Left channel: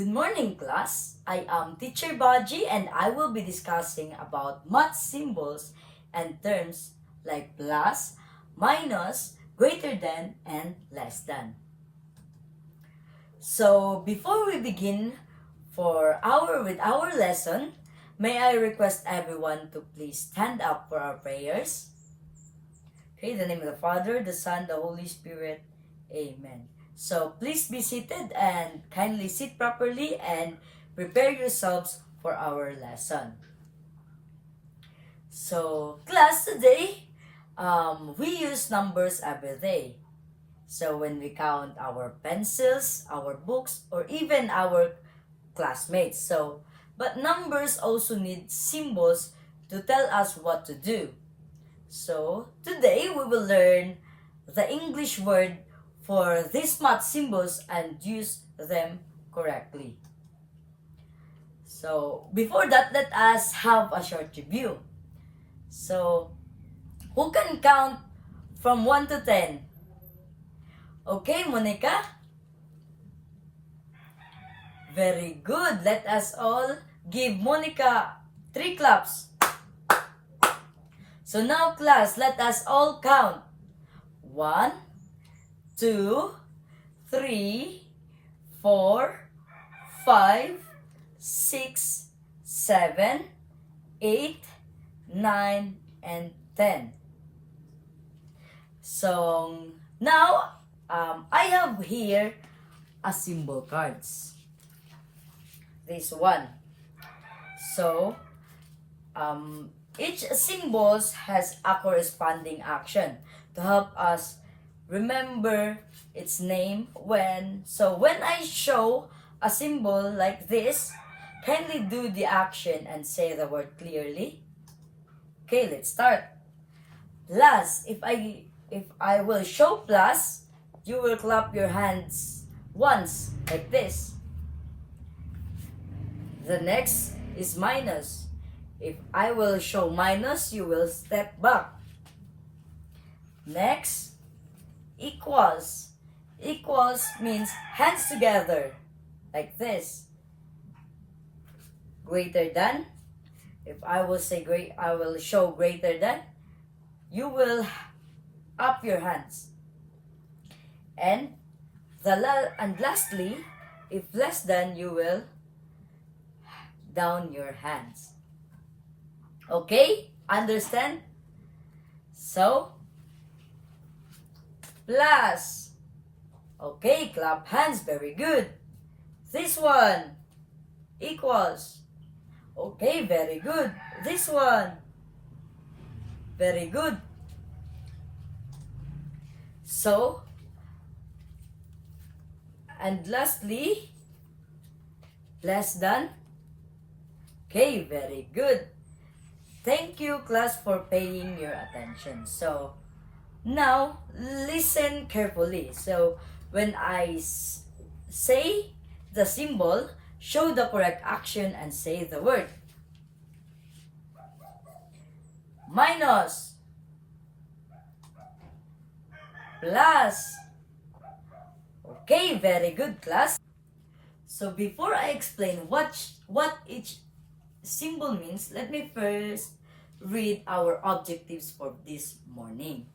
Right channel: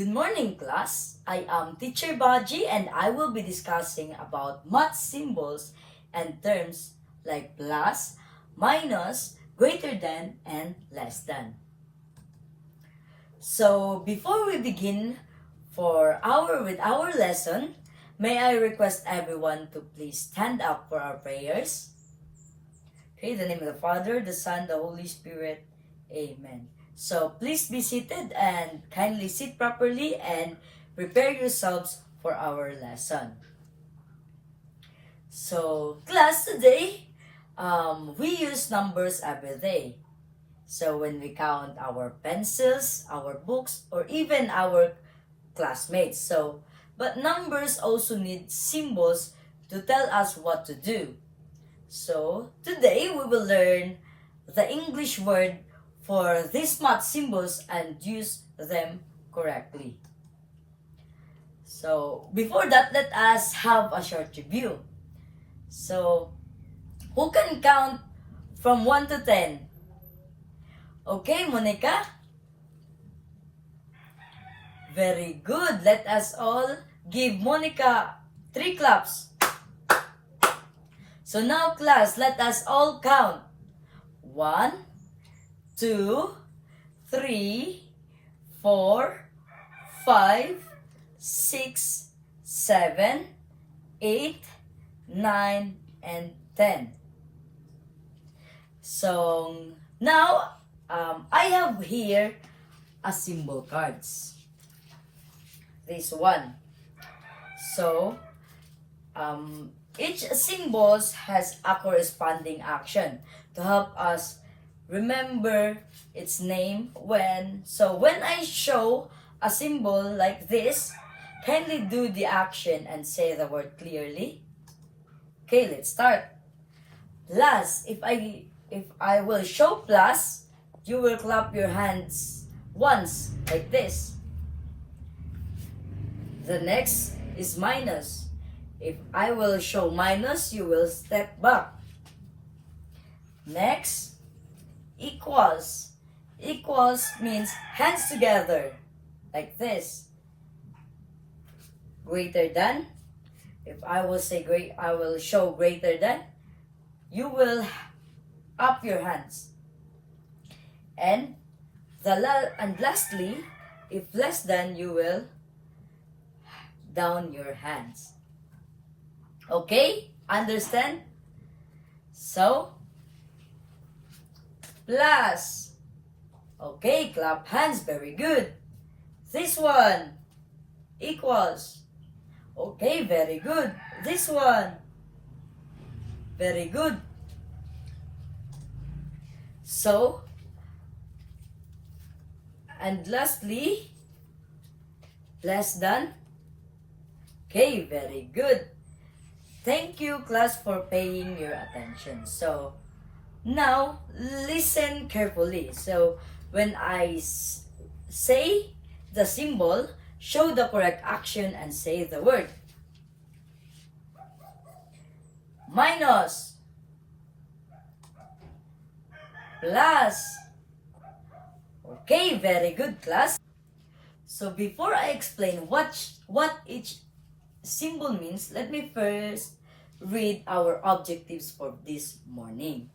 Good morning, class. I am Teacher Baji and I will be discussing about math symbols and terms like plus, minus, greater than, and less than. So, before we begin with our lesson, may I request everyone to please stand up for our prayers? Okay, in the name of the Father, the Son, the Holy Spirit. Amen. So please be seated and kindly sit properly and prepare yourselves for our lesson. So class, today we use numbers every day. So when we count our pencils, our books, or even our classmates. But numbers also need symbols to tell us what to do. So today we will learn the English word for these math symbols and use them correctly. So before that, let us have a short review. So who can count from 1 to 10? Okay, Monica? Very good. Let us all give Monica 3 claps. So now, class, let us all count. 1, 2, 3, 4, 5, 6, 7, 8, 9, and 10. So now, I have here a symbol cards. This one. So, each symbol has a corresponding action to help us remember its name when I show a symbol like this, kindly do the action and say the word clearly. Okay, let's start. Plus, if I will show plus, you will clap your hands once like this. The next is minus. If I will show minus, you will step back. Next, equals. Equals means hands together, like this. Greater than. If I will say I will show greater than, you will up your hands. And lastly, if less than, you will down your hands. Okay? Understand? So, plus. Okay, clap hands. Very good. This one. Equals. Okay, very good. This one. Very good. So, and lastly, less than. Okay, very good. Thank you, class, for paying your attention. So, now, listen carefully. So, when I say the symbol, show the correct action and say the word. Minus. Plus. Okay, very good, class. So, before I explain what each symbol means, let me first read our objectives for this morning.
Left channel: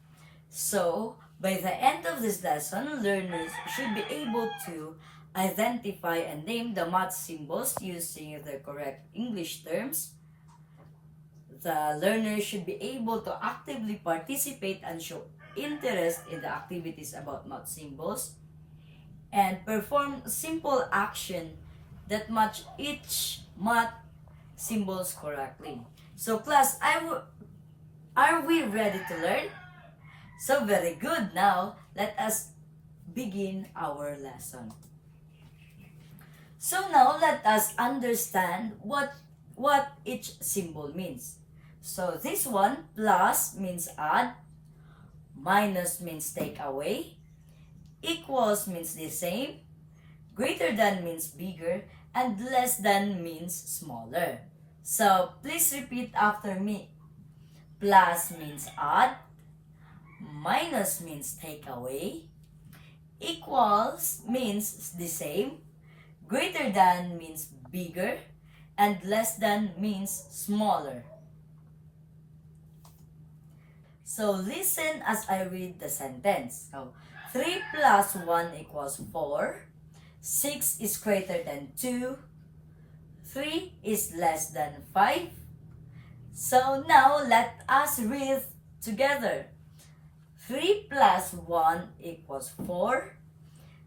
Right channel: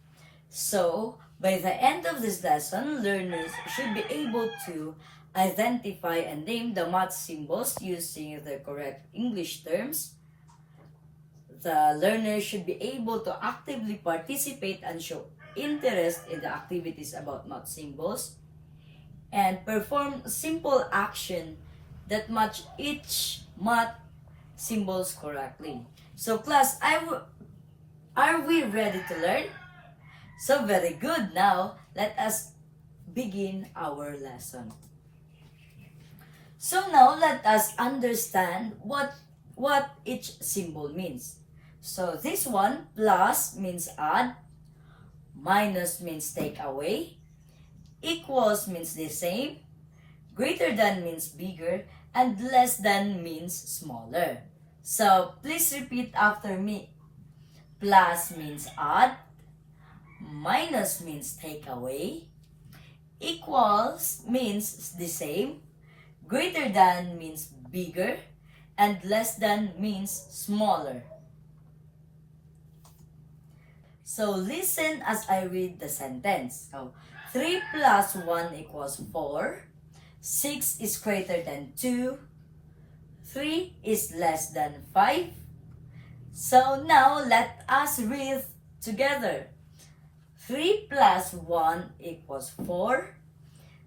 So, by the end of this lesson, learners should be able to identify and name the math symbols using the correct English terms. The learner should be able to actively participate and show interest in the activities about math symbols and perform simple action that match each math symbols correctly. So class, are we ready to learn? So very good. Now, let us begin our lesson. So now, let us understand what each symbol means. So this one, plus means add, minus means take away, equals means the same, greater than means bigger, and less than means smaller. So, please repeat after me. Plus means add, minus means take away, equals means the same, Greater than means bigger, and less than means smaller. So listen as I read the sentence. So 3 plus 1 equals 4. 6 is greater than 2. 3 is less than 5. So now let us read together. 3 plus 1 equals 4.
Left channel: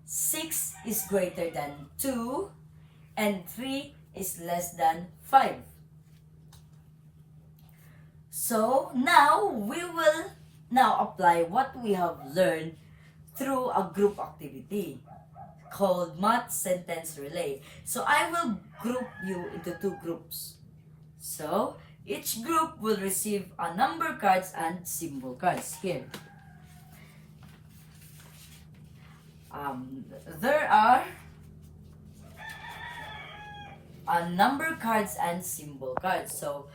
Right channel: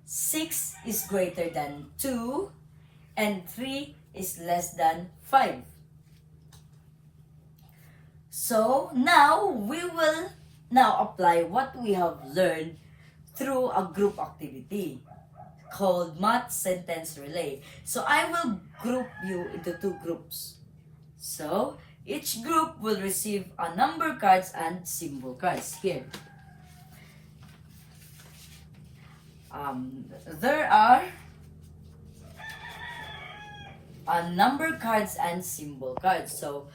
6 is greater than 2. And 3 is less than 5. So now we will apply what we have learned through a group activity called Math Sentence Relay. So I will group you into 2 groups. So each group will receive a number cards and symbol cards here. There are number cards and symbol cards. So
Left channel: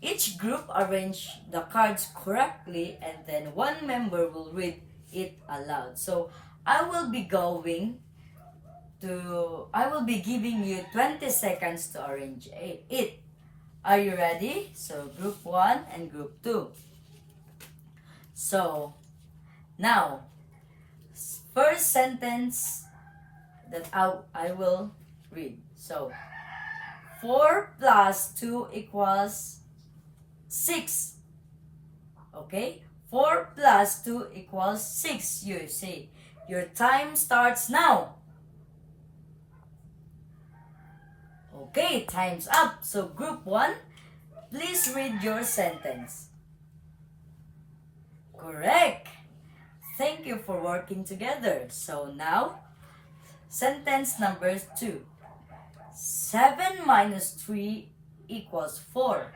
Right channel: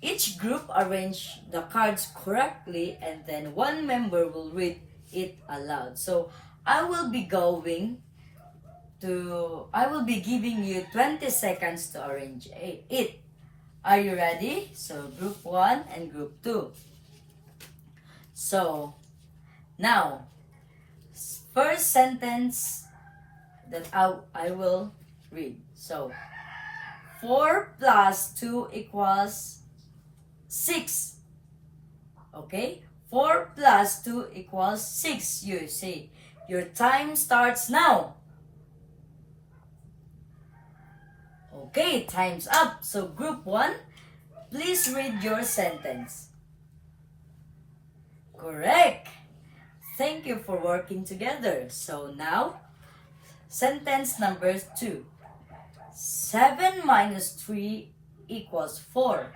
each group arrange the cards correctly, and then one member will read it aloud. So I will be giving you 20 seconds to arrange it. Are you ready? So group 1 and group 2. So now, first sentence that I will read. So 4 plus 2 equals 6. Okay? 4 plus 2 equals 6. You see, your time starts now. Okay, time's up. So group 1, please read your sentence. Correct. Thank you for working together. So now, sentence number 2. 7 minus 3 equals 4.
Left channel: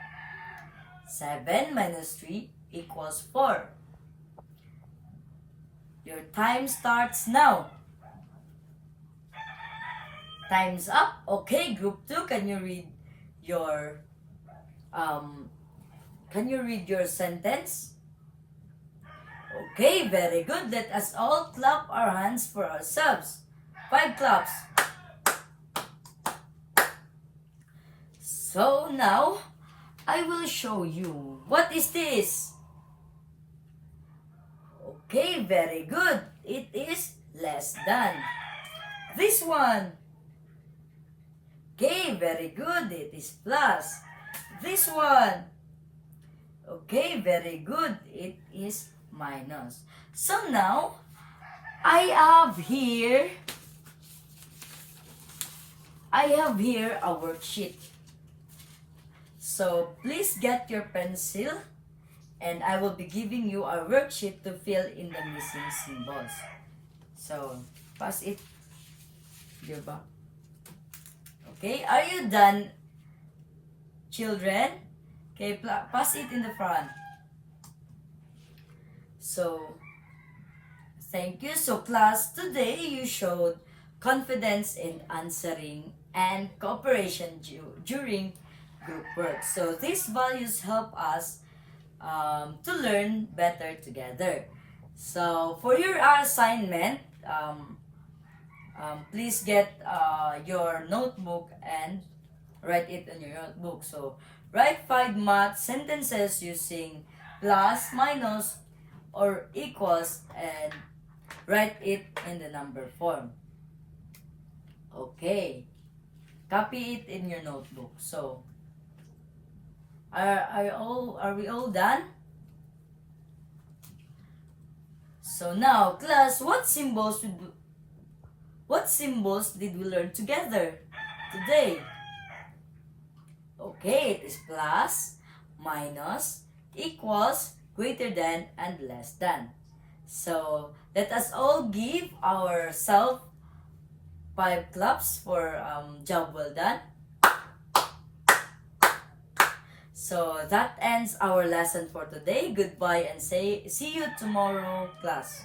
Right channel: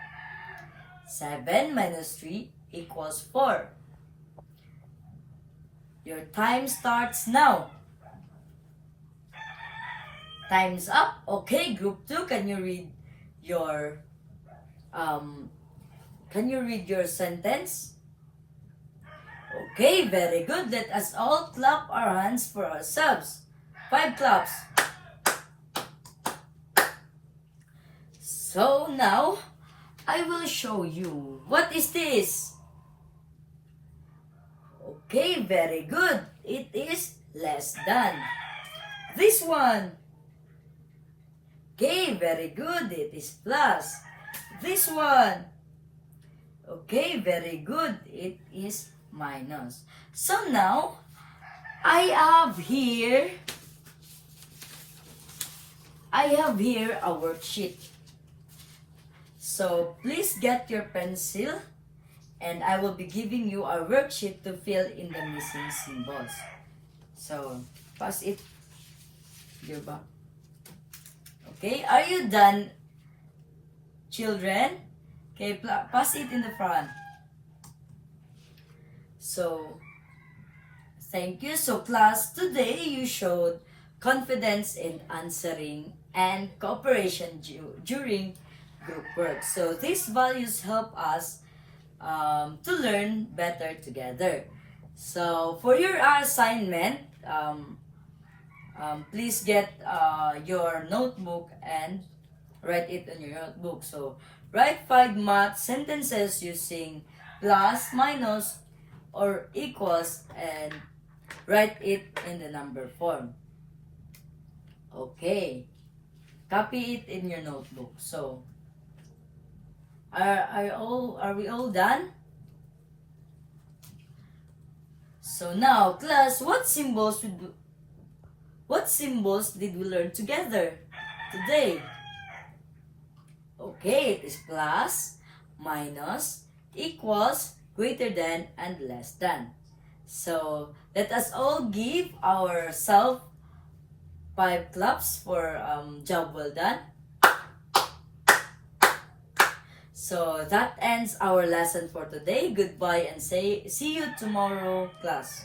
7 minus 3 equals 4. Your time starts now. Time's up. Okay, group 2, can you read your sentence? Okay, very good. Let us all clap our hands for ourselves. 5 claps. So now, I will show you. What is this? Okay, very good. It is less than. This one. Okay, very good. It is plus. This one. Okay, very good. It is minus. So now, I have here a worksheet. So please get your pencil, and I will be giving you a worksheet to fill in the missing symbols. So pass it. Diba? Okay, are you done, children? Okay, pass it in the front. So, thank you. So class, today you showed confidence in answering and cooperation during group work. So these values help us to learn better together. So for your assignment, please get your notebook and write it in your notebook. So write 5 math sentences using plus, minus, or equals, and write it in the number form. Okay. Copy it in your notebook. So are we all done? So now, class, what symbols did we learn together today? Okay, it is plus, minus, equals, greater than, and less than. So let us all give ourselves 5 claps for job well done. So that ends our lesson for today. Goodbye and see you tomorrow, class.